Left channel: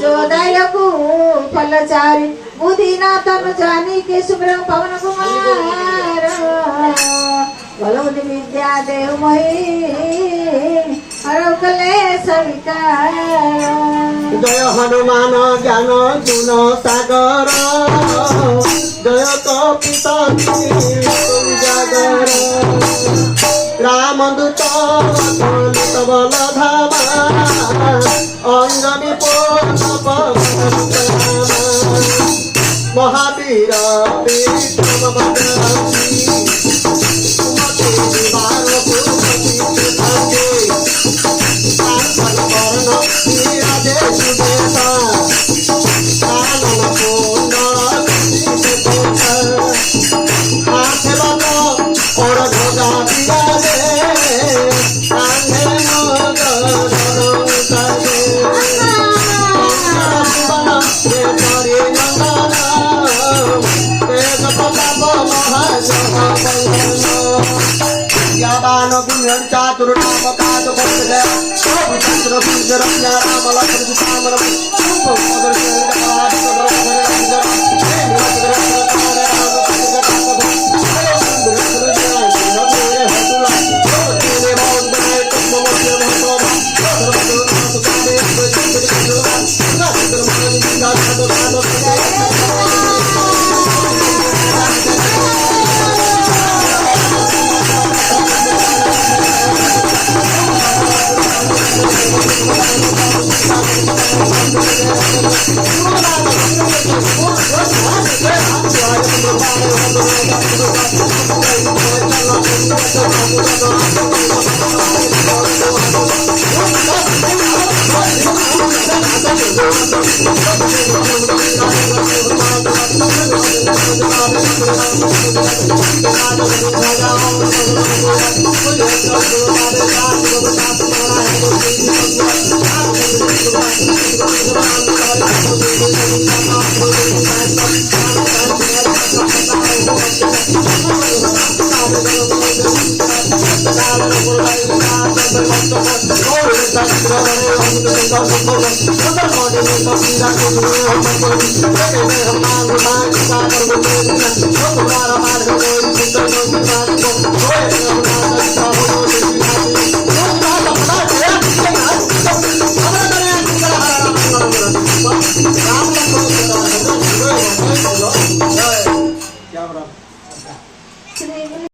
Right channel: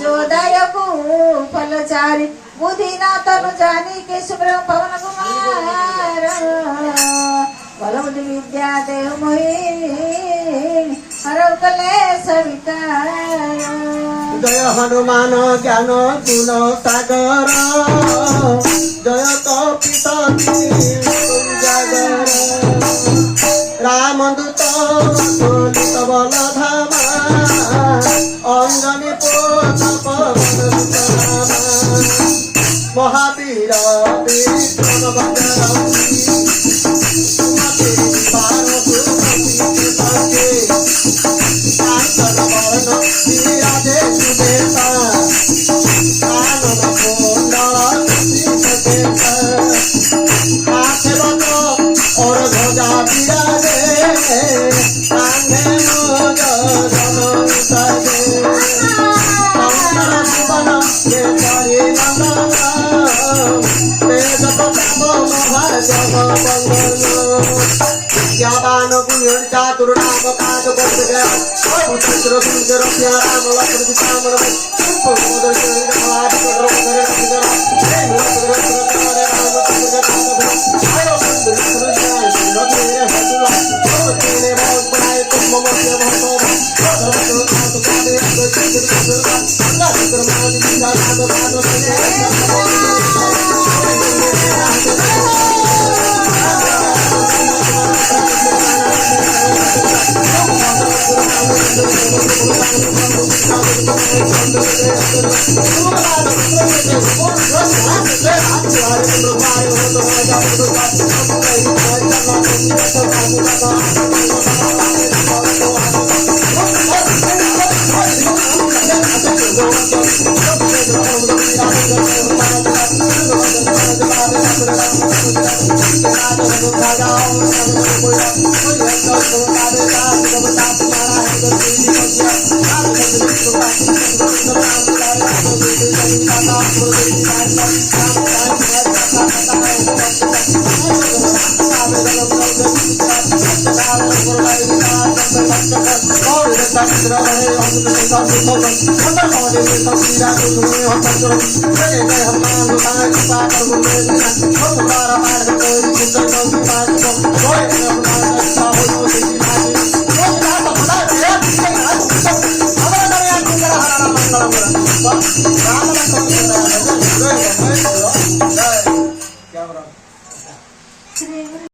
जोदायकु फलचारी बुधिना तनु जानी के सुब्रह्म पवन कुमार बलवती विद्या देव मोहि हरौ कलेश विकार। जय हनुमान ज्ञान गुण सागर जय कपिता जागर रामदूत अतुलित बल धामा अंजनी महावीर विक्रम बजरंगी